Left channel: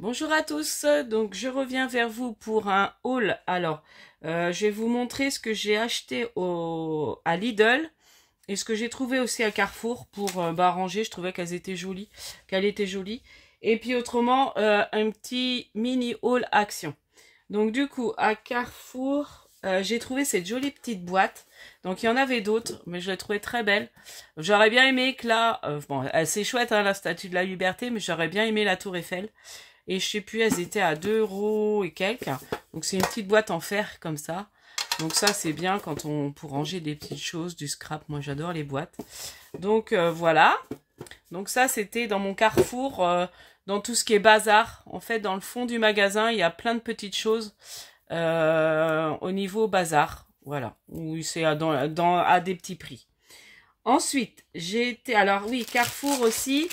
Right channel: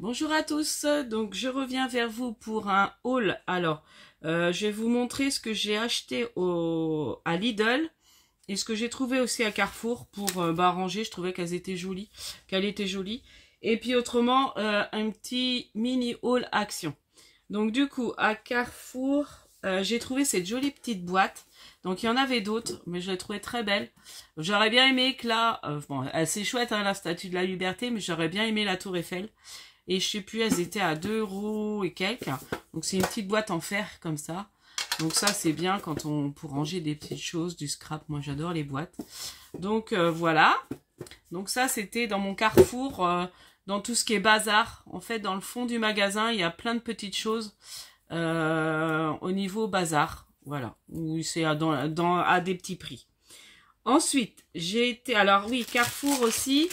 Bonjour à tous, donc je reviens vers vous pour un haul. Alors, je vais vous montrer ce que j'ai acheté à Lidl et ce que j'ai trouvé aussi à Carrefour pour ranger. Je trouvais qu'elle était jolie. Et puis autrement, un petit mini haul action. Donc du coup, à Carrefour, j'ai trouvé cette jolie petite boîte. Donc il y en avait d'autres, mais je l'ai trouvée très belle. J'aurais bien aimé que là, bon, c'est chouette hein, la Statue de la Liberté, mais j'aurais bien aimé la Tour Eiffel. Et je sais plus, elles étaient à 2 € et quelques. Donc c'est une petite boîte en fer comme ça. Donc ça c'est bien quand pour ranger des petites choses, du scrap. Moi j'adore les boîtes. Donc voilà. Donc ça c'était dans mon Carrefour, dans tout ce qui est bazar. En fait dans le fond du magasin il y a plein de petites choses au niveau bazar. Voilà. Où c'est à des petits prix. Ensuite j'ai été, alors oui, Carrefour aussi.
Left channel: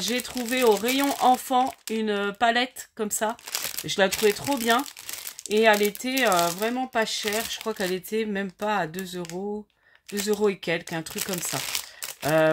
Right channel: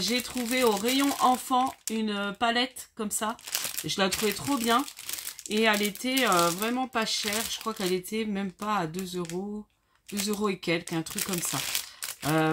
J'ai trouvé au rayon enfant une palette comme ça. Je la trouvais trop bien. Et elle était vraiment pas chère. Je crois qu'elle était même pas à 2 €. 2 € et quelques, un truc comme ça.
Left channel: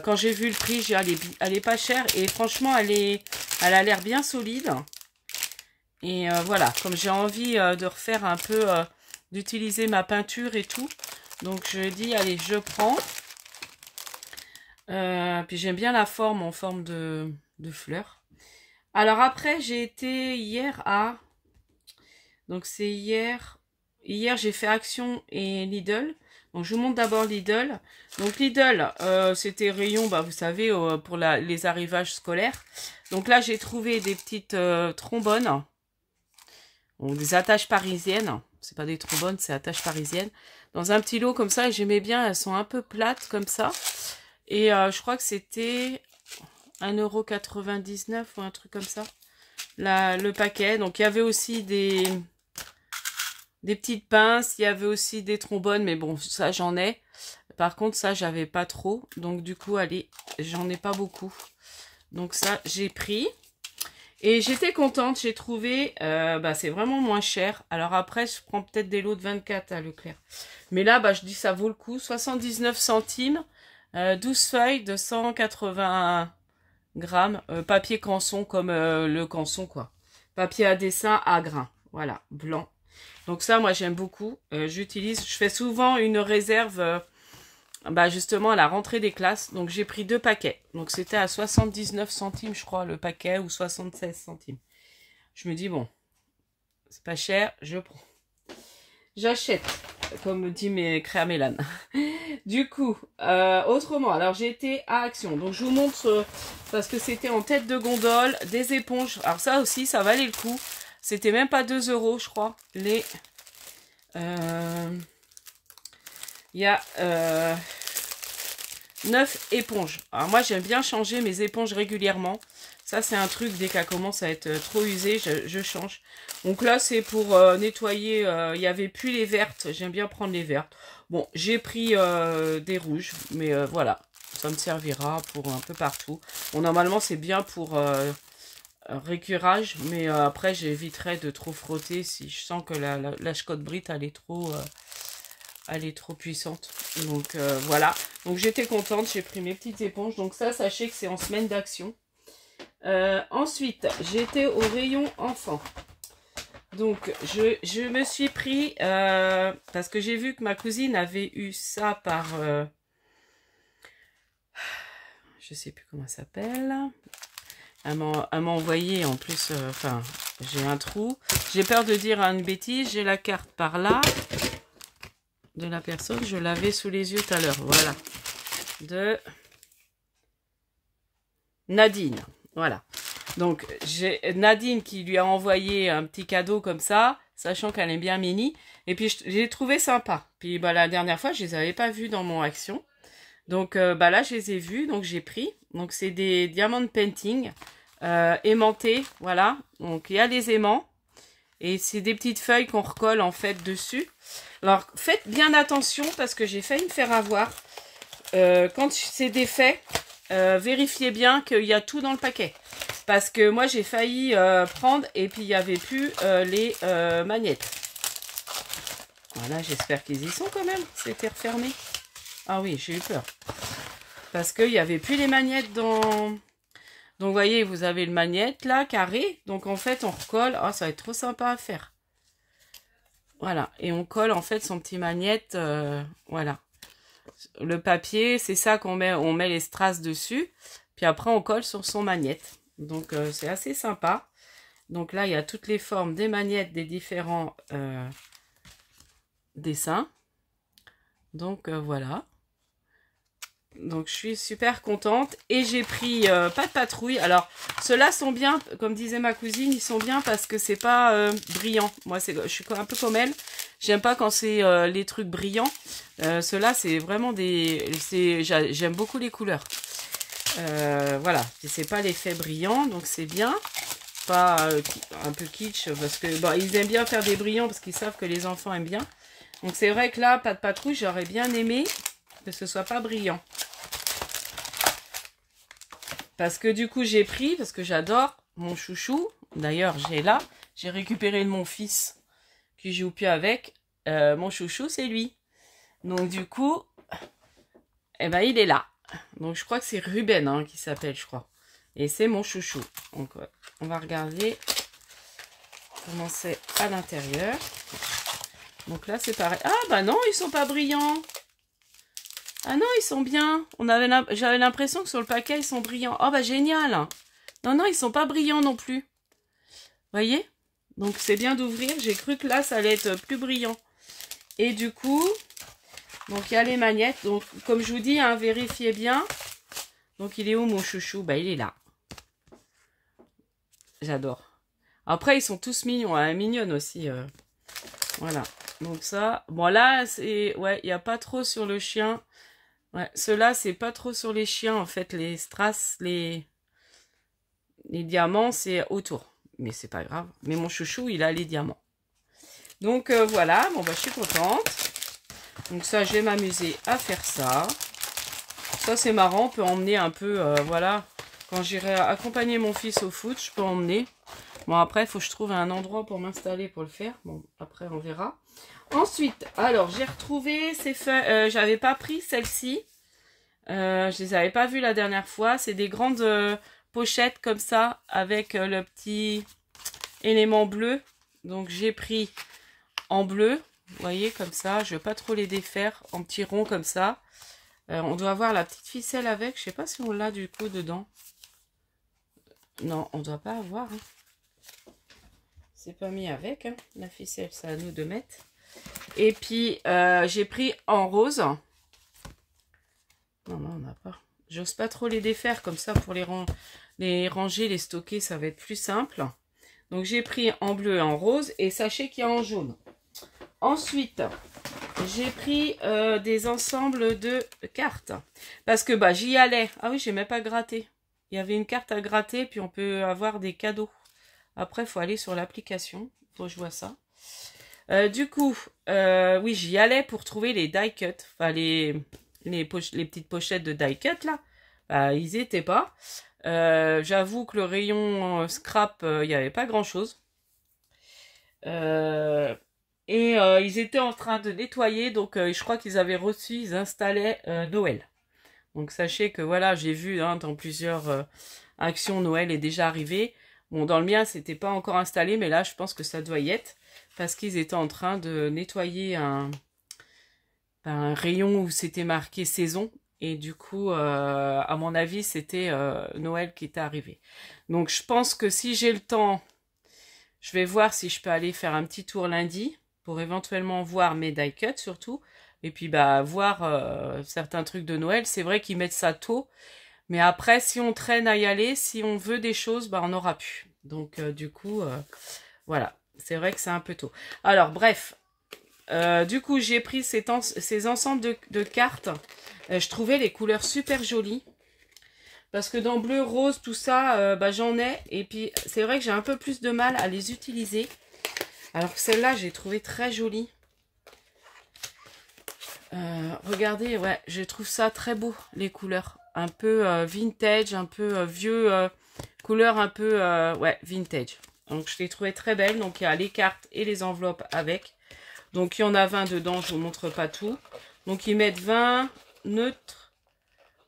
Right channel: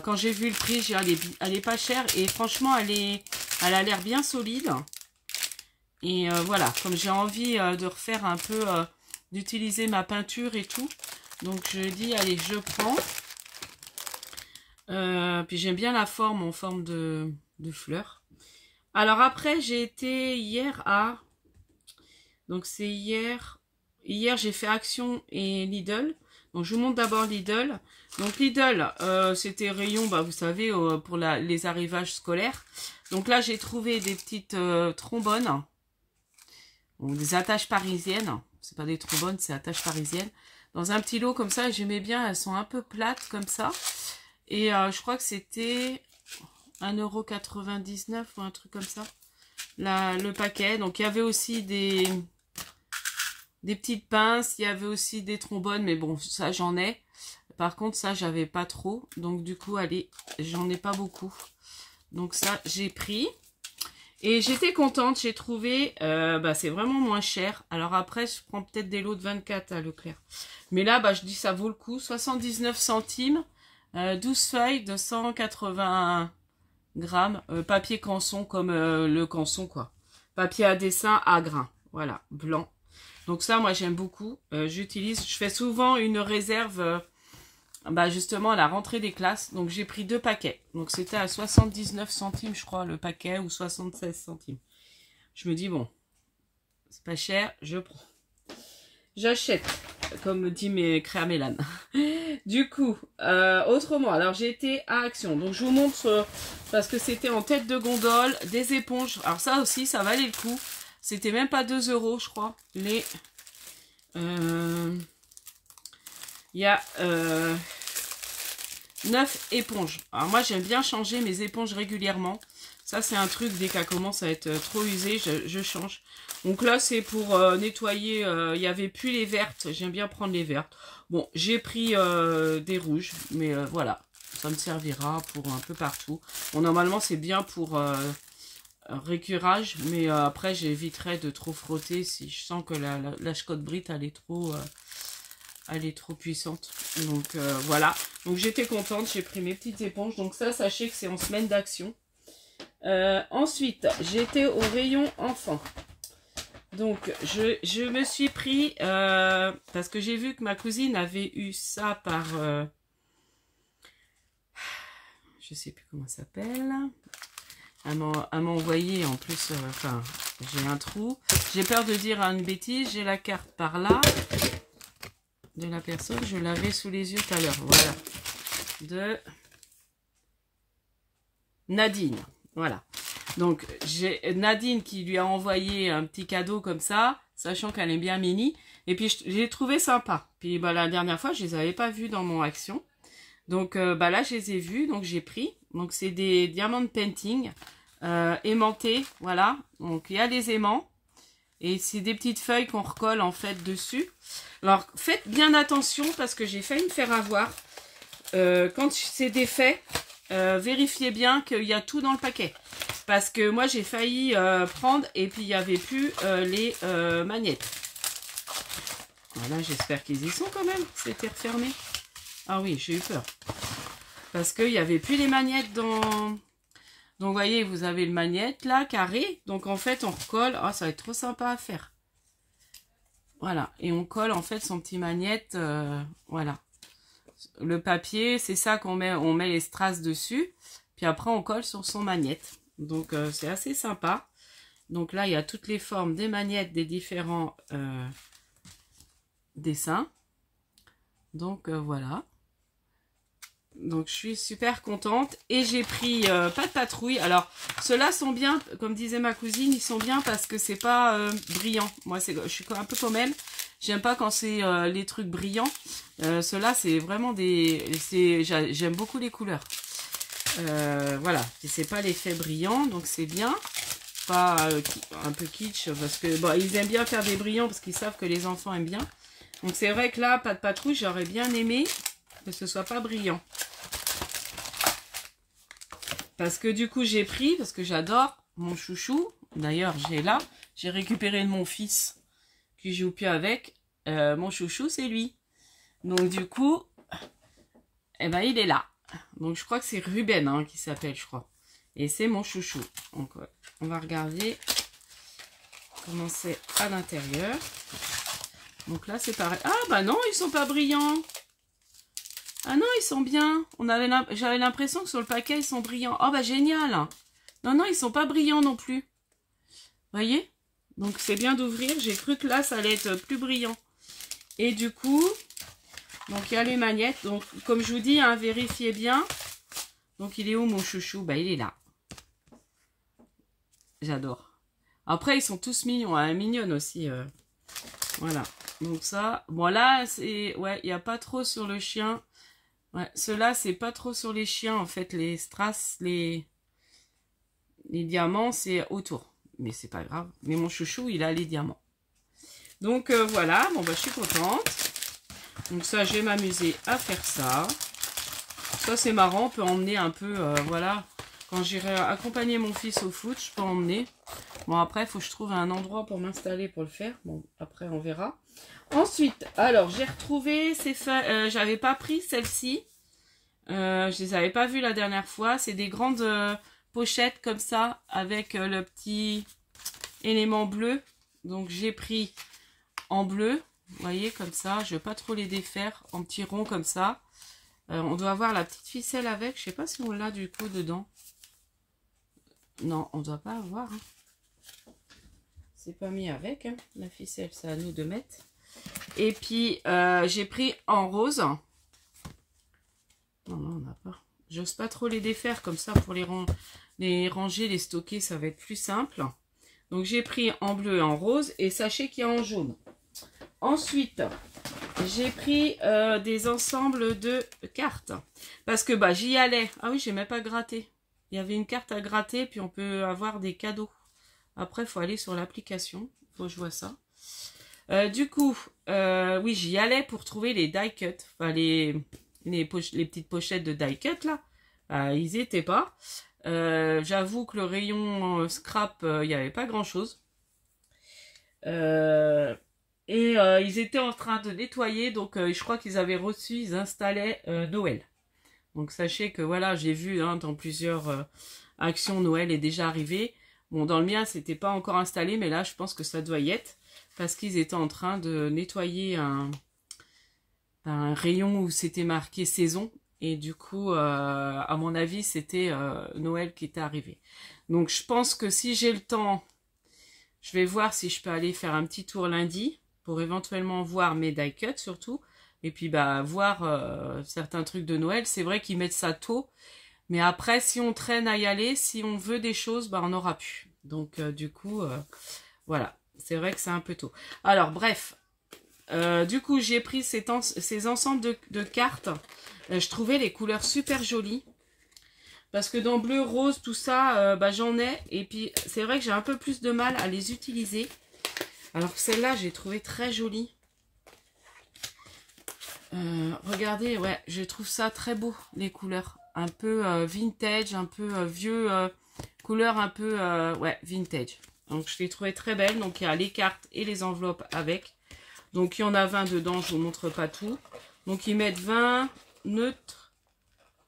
Quand j'ai vu le prix, j'ai dit elle est pas chère. Et franchement, elle a l'air bien solide. Et voilà, comme j'ai envie de refaire un peu, d'utiliser ma peinture et tout. Donc je dis, allez, je prends. Puis j'aime bien la forme en forme de fleurs. Alors après j'ai été hier à, donc c'est hier j'ai fait Action et Lidl. Donc je vous montre d'abord Lidl. Donc Lidl c'était rayon, vous savez, pour les arrivages scolaires. Donc là j'ai trouvé des petites trombones, bon, des attaches parisiennes. C'est pas des trombones, c'est attaches parisiennes, dans un petit lot comme ça. Et j'aimais bien, elles sont un peu plates comme ça. Et je crois que c'était 1,99 € ou un truc comme ça, le paquet. Donc il y avait aussi des petites pinces, il y avait aussi des trombones, mais bon, ça j'en ai. Par contre, ça j'avais pas trop. Donc du coup, allez, j'en ai pas beaucoup. Donc ça, j'ai pris. Et j'étais contente, j'ai trouvé, c'est vraiment moins cher. Alors après, je prends peut-être des lots de 24 à Leclerc. Mais là, je dis ça vaut le coup, 79 centimes. 12 feuilles de 180 grammes, papier canson comme le canson quoi. Papier à dessin à grains, voilà, blanc. Donc ça, moi j'aime beaucoup. Je fais souvent une réserve, justement à la rentrée des classes. Donc j'ai pris 2 paquets. Donc c'était à 79 centimes, je crois, le paquet, ou 76 centimes. Je me dis, bon, c'est pas cher, je prends. J'achète, comme dit mes créamélanes. Du coup, autrement, alors j'ai été à Action. Donc je vous montre, parce que c'était en tête de gondole, des éponges. Alors ça aussi, ça valait le coup. C'était même pas 2 €, je crois. Il y a 9 éponges. Alors moi, j'aime bien changer mes éponges régulièrement. Ça, c'est un truc, dès qu'elle commence à être trop usée, je change. Donc là, c'est pour nettoyer. Il n'y avait plus les vertes. J'aime bien prendre les vertes. Bon, j'ai pris des rouges. Mais voilà, ça me servira pour un peu partout. Bon, normalement, c'est bien pour récurage. Mais après, j'éviterai de trop frotter si je sens que la Scott Brit, elle est trop puissante. Donc voilà. Donc j'étais contente. J'ai pris mes petites éponges. Donc ça, sachez que c'est en semaine d'Action. Ensuite, j'étais au rayon enfant. Donc, je me suis pris, parce que j'ai vu que ma cousine avait eu ça par, je sais plus comment ça s'appelle. Elle m'a envoyé en plus, j'ai un trou. J'ai peur de dire une bêtise, j'ai la carte par là de la personne, je l'avais sous les yeux tout à l'heure, voilà. De Nadine. Voilà. Donc, j'ai Nadine qui lui a envoyé un petit cadeau comme ça, sachant qu'elle aime bien Mini. Et puis, j'ai trouvé sympa. Puis, la dernière fois, je les avais pas vus dans mon Action. Donc, là, je les ai vus. Donc, j'ai pris. Donc, c'est des diamond painting aimantés. Voilà. Donc, il y a des aimants. Et c'est des petites feuilles qu'on recolle, en fait, dessus. Alors, faites bien attention parce que j'ai failli me faire avoir. Quand c'est défait, vérifiez bien qu'il y a tout dans le paquet. Parce que moi, j'ai failli prendre et puis il n'y avait plus les magnettes. Voilà, j'espère qu'ils y sont quand même. C'était refermé. Ah oui, j'ai eu peur. Parce qu'il n'y avait plus les magnettes Donc, vous voyez, vous avez le magnète là, carré. Donc, en fait, on recolle. Oh, ça va être trop sympa à faire. Voilà. Et on colle, en fait, son petit magnète. Voilà. Le papier, c'est ça qu'on met. On met les strass dessus. Puis après, on colle sur son magnète. Donc, c'est assez sympa. Donc là, il y a toutes les formes des magnettes des différents dessins. Donc, voilà. Donc, je suis super contente. Et j'ai pris pas de patrouille. Alors, ceux-là sont bien, comme disait ma cousine, ils sont bien parce que c'est pas brillant. Moi, je suis un peu comme elle. J'aime pas quand c'est les trucs brillants. Ceux-là, c'est vraiment des... J'aime beaucoup les couleurs. Voilà. C'est pas l'effet brillant, donc c'est bien. Pas un peu kitsch, parce que bon, ils aiment bien faire des brillants parce qu'ils savent que les enfants aiment bien. Donc, c'est vrai que là, pas de patrouille, j'aurais bien aimé que ce soit pas brillant. Parce que du coup, j'ai pris, parce que j'adore mon chouchou. D'ailleurs, j'ai récupéré de mon fils qui joue plus avec. Mon chouchou, c'est lui. Donc, du coup, eh ben, il est là. Donc, je crois que c'est Ruben hein, qui s'appelle, je crois. Et c'est mon chouchou. Donc, ouais, on va regarder comment c'est à l'intérieur. Donc là, c'est pareil. Ah, bah non, ils sont pas brillants. Ah non, ils sont bien. J'avais l'impression que sur le paquet, ils sont brillants. Oh, bah génial. Non, non, ils sont pas brillants non plus. Voyez? Donc, c'est bien d'ouvrir. J'ai cru que là, ça allait être plus brillant. Et du coup, donc il y a les magnettes. Donc, comme je vous dis, hein, vérifiez bien. Donc, il est où mon chouchou? Bah, il est là. J'adore. Après, ils sont tous mignons. Hein, mignonne aussi. Voilà. Donc, ça. Bon, là, c'est... Ouais, il n'y a pas trop sur le chien. Ouais, ceux-là, c'est pas trop sur les chiens, en fait. Les strass, les diamants, c'est autour. Mais c'est pas grave. Mais mon chouchou, il a les diamants. Donc, voilà. Bon, bah, je suis contente. Donc, ça, je vais m'amuser à faire ça. Ça, c'est marrant. On peut emmener un peu, voilà. Quand j'irai accompagner mon fils au foot, je peux emmener. Bon, après, il faut que je trouve un endroit pour m'installer pour le faire. Bon, après, on verra. Ensuite, alors, j'ai retrouvé ces feuilles. J'avais pas pris celles-ci. Je les avais pas vues la dernière fois. C'est des grandes pochettes comme ça, avec le petit élément bleu. Donc, j'ai pris en bleu. Vous voyez, comme ça. Je ne vais pas trop les défaire. En petits ronds comme ça. On doit avoir la petite ficelle avec. Je sais pas si on l'a du coup dedans. Non, on doit pas avoir. Hein. C'est pas mis avec. Hein. La ficelle, c'est à nous de mettre. Et puis, j'ai pris en rose. Non, non, on n'a pas. J'ose pas trop les défaire comme ça pour les ranger, les stocker, ça va être plus simple. Donc, j'ai pris en bleu et en rose. Et sachez qu'il y a en jaune. Ensuite, j'ai pris des ensembles de cartes. Parce que bah, j'y allais. Ah oui, j'ai même pas gratté. Il y avait une carte à gratter, puis on peut avoir des cadeaux. Après, il faut aller sur l'application. Faut que je vois ça. Du coup, oui, j'y allais pour trouver les die cut. Enfin, les petites pochettes de die cut, là. Ils n'y étaient pas. J'avoue que le rayon scrap, il n'y avait pas grand-chose. Ils étaient en train de nettoyer. Donc, je crois qu'ils avaient reçu, ils installaient Noël. Donc, sachez que, voilà, j'ai vu hein, dans plusieurs actions, Noël est déjà arrivé. Bon, dans le mien, c'était pas encore installé, mais là, je pense que ça doit y être. Parce qu'ils étaient en train de nettoyer un rayon où c'était marqué saison. Et du coup, à mon avis, c'était Noël qui était arrivé. Donc, je pense que si j'ai le temps, je vais voir si je peux aller faire un petit tour lundi. Pour éventuellement voir mes die cuts surtout. Et puis, bah, voir certains trucs de Noël. C'est vrai qu'ils mettent ça tôt. Mais après, si on traîne à y aller, si on veut des choses, bah, on aura pu. Donc, du coup, voilà. C'est vrai que c'est un peu tôt. Alors, bref. Du coup, j'ai pris ces ensembles de cartes. Je trouvais les couleurs super jolies. Parce que dans bleu, rose, tout ça, bah, j'en ai. Et puis, c'est vrai que j'ai un peu plus de mal à les utiliser. Alors que celle-là, j'ai trouvé très jolie. Regardez, ouais, je trouve ça très beau, les couleurs. Un peu vintage, un peu vieux, couleur un peu, ouais, vintage. Donc, je les trouvais très belles. Donc, il y a les cartes et les enveloppes avec. Donc, il y en a 20 dedans. Je ne vous montre pas tout. Donc, ils mettent 20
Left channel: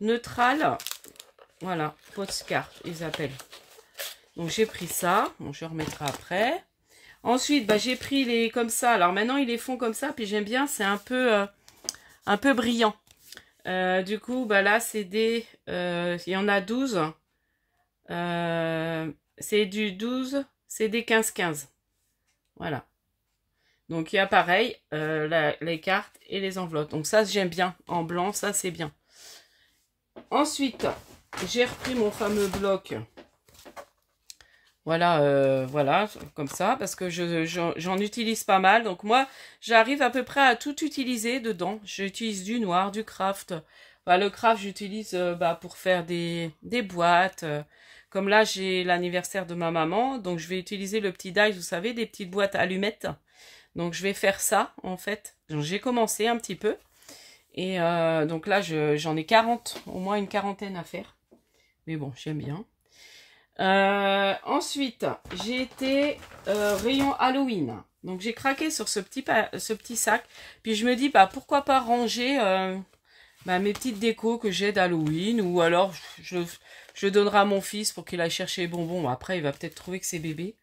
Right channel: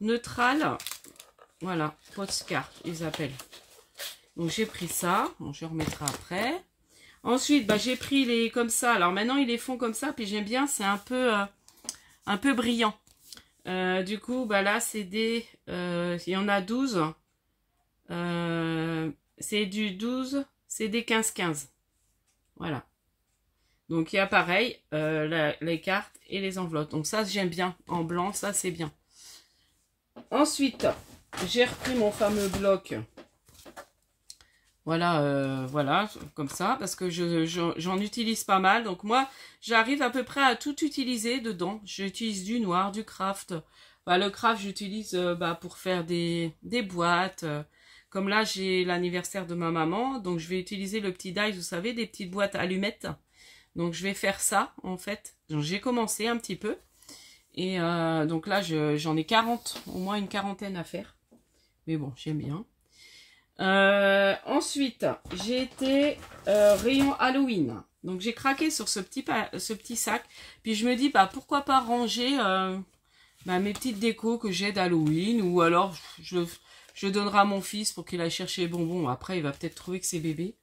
neutrales. Voilà, postcard, ils appellent. Donc j'ai pris ça. Bon, je remettrai après. Ensuite, bah, j'ai pris les comme ça. Alors maintenant, ils les font comme ça. Puis j'aime bien, c'est un peu brillant. Du coup, bah là, c'est des... il y en a 12. C'est du 12. C'est des 15-15. Voilà. Donc il y a pareil, les cartes et les enveloppes. Donc ça, j'aime bien. En blanc, ça, c'est bien. Ensuite, j'ai repris mon fameux bloc. Voilà, voilà, comme ça, parce que j'en utilise pas mal. Donc moi, j'arrive à peu près à tout utiliser dedans. J'utilise du noir, du craft. Bah, le craft, j'utilise pour faire des boîtes. Comme là, j'ai l'anniversaire de ma maman, donc je vais utiliser le petit die, vous savez, des petites boîtes allumettes. Donc je vais faire ça, en fait. J'ai commencé un petit peu. Et donc là, j'en ai 40, au moins une quarantaine à faire. Mais bon, j'aime bien. Ensuite, j'ai été rayon Halloween. Donc j'ai craqué sur ce petit sac. Puis je me dis, bah pourquoi pas ranger mes petites décos que j'ai d'Halloween. Ou alors je donnerai à mon fils pour qu'il aille chercher les bonbons. Après, il va peut-être trouver que c'est bébé.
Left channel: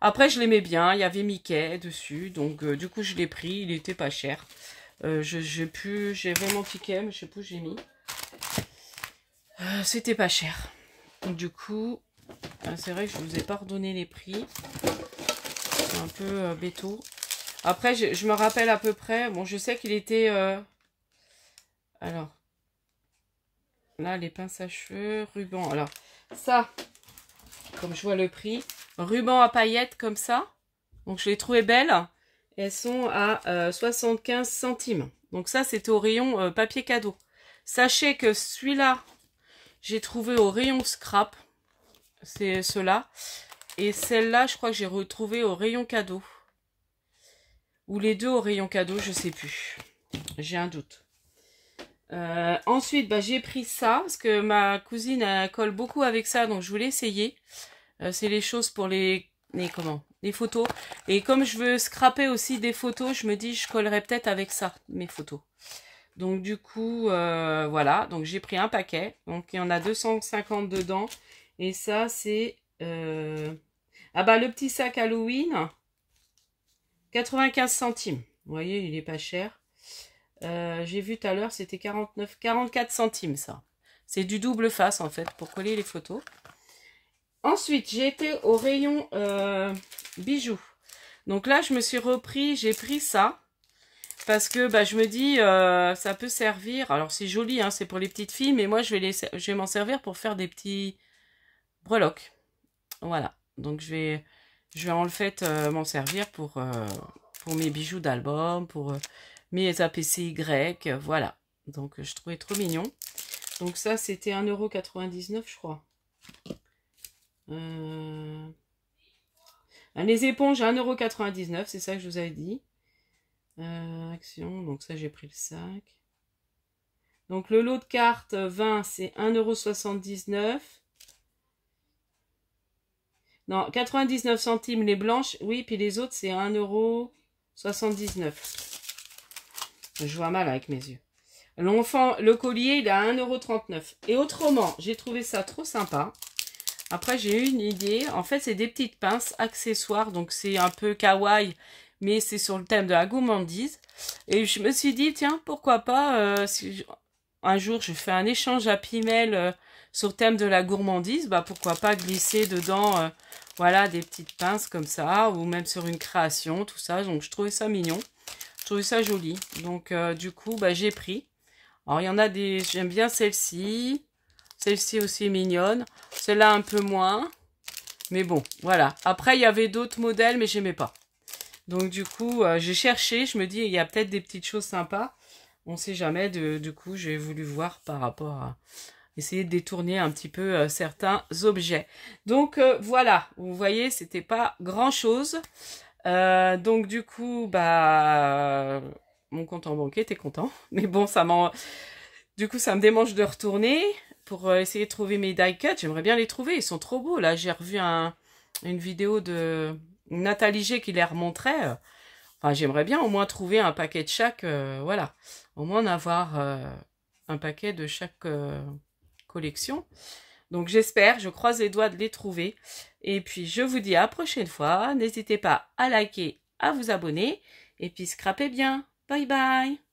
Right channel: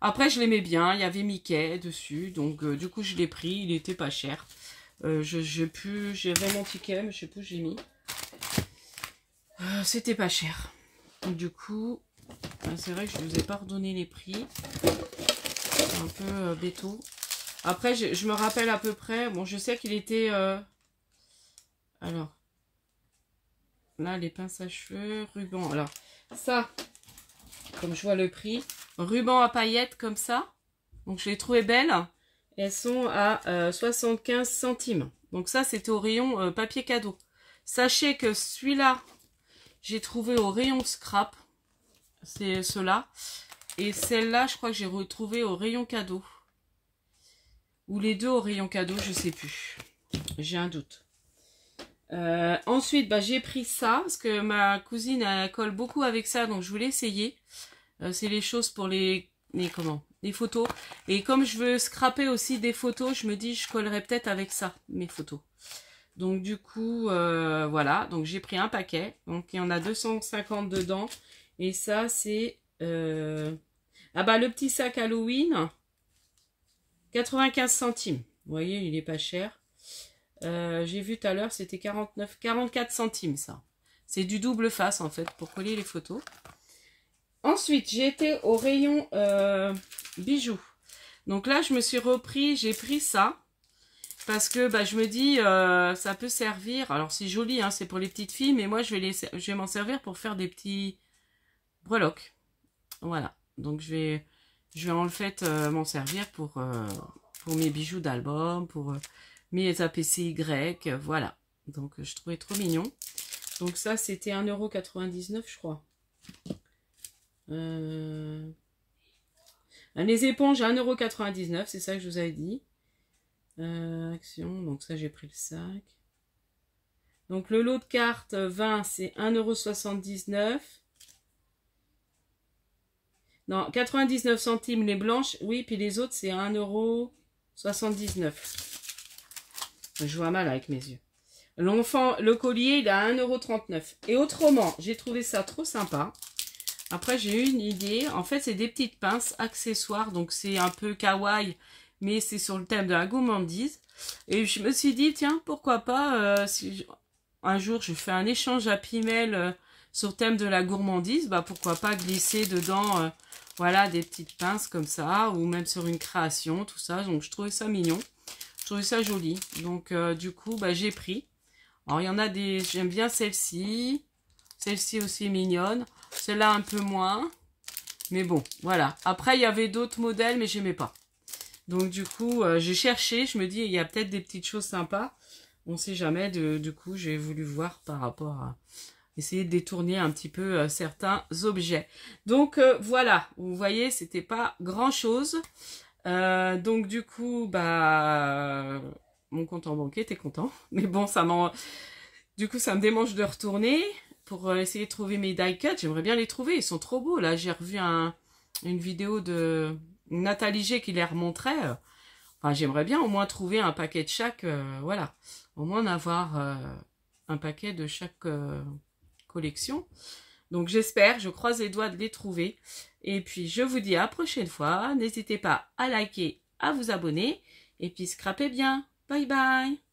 Après, je l'aimais bien. Il y avait Mickey dessus. Donc du coup, je l'ai pris. Il était pas cher. J'ai vraiment ticket, mais je sais plus où j'ai mis. C'était pas cher. Donc, du coup... c'est vrai que je ne vous ai pas redonné les prix. C'est un peu béto. Après, je me rappelle à peu près. Bon, je sais qu'il était... Alors, là, les pinces à cheveux, ruban. Alors, ça, comme je vois le prix, ruban à paillettes comme ça. Donc, je les trouvais belles. Elles sont à 75 centimes. Donc, ça, c'était au rayon papier cadeau. Sachez que celui-là, j'ai trouvé au rayon scrap. C'est ceux-là. Et celle-là, je crois que j'ai retrouvé au rayon cadeau. Ou les deux au rayon cadeau, je sais plus. J'ai un doute. Ensuite, j'ai pris ça. Parce que ma cousine, elle colle beaucoup avec ça. Donc, je voulais essayer. C'est les choses pour les photos. Et comme je veux scraper aussi des photos, je me dis, je collerai peut-être avec ça, mes photos. Donc, du coup, voilà. Donc, j'ai pris un paquet. Donc, il y en a 250 dedans. Et ça, c'est... le petit sac Halloween, 95 centimes. Vous voyez, il est pas cher. J'ai vu tout à l'heure, c'était 44 centimes, ça. C'est du double face, en fait, pour coller les photos. Ensuite, j'ai été au rayon bijoux. Donc là, je me suis repris, j'ai pris ça. Parce que je me dis, ça peut servir. Alors, c'est joli, hein, c'est pour les petites filles. Mais moi, je vais m'en servir pour faire des petits breloques. Voilà. Donc, je vais en fait m'en servir pour mes bijoux d'album, pour mes APCY, voilà. Donc, je trouvais trop mignon. Donc, ça, c'était 1,99 €, je crois. Les éponges, 1,99 €, c'est ça que je vous avais dit. Action, donc ça, j'ai pris le sac. Donc, le lot de cartes 20, c'est 1,79 €. Non, 99 centimes les blanches, oui, puis les autres, c'est 1,79 €. Je vois mal avec mes yeux. L'enfant, le collier, il est à 1,39 €. Et autrement, j'ai trouvé ça trop sympa. Après, j'ai eu une idée. En fait, c'est des petites pinces accessoires. Donc, c'est un peu kawaii, mais c'est sur le thème de la gourmandise. Et je me suis dit, tiens, pourquoi pas, si un jour, je fais un échange à Pimel sur le thème de la gourmandise, pourquoi pas glisser dedans, voilà, des petites pinces comme ça, ou même sur une création, tout ça. Donc, je trouvais ça mignon. Je trouvais ça joli. Donc, du coup, j'ai pris. Alors, il y en a des... J'aime bien celle-ci. Celle-ci aussi est mignonne. Celle-là, un peu moins. Mais bon, voilà. Après, il y avait d'autres modèles, mais j'aimais pas. Donc, du coup, j'ai cherché. Je me dis, il y a peut-être des petites choses sympas. On sait jamais. Du coup, j'ai voulu voir par rapport à... Essayer de détourner un petit peu certains objets. Donc, voilà. Vous voyez, c'était pas grand-chose. Donc, du coup, mon compte en banque était content. Mais bon, du coup, ça me démange de retourner pour essayer de trouver mes die cuts. J'aimerais bien les trouver. Ils sont trop beaux. Là, j'ai revu une vidéo de Nathalie G qui les remontrait. Enfin, j'aimerais bien au moins trouver un paquet de chaque. Voilà. Au moins en avoir un paquet de chaque collection. Donc j'espère, je croise les doigts de les trouver. Et puis je vous dis à la prochaine fois. N'hésitez pas à liker, à vous abonner. Et puis scrapez bien. Bye bye.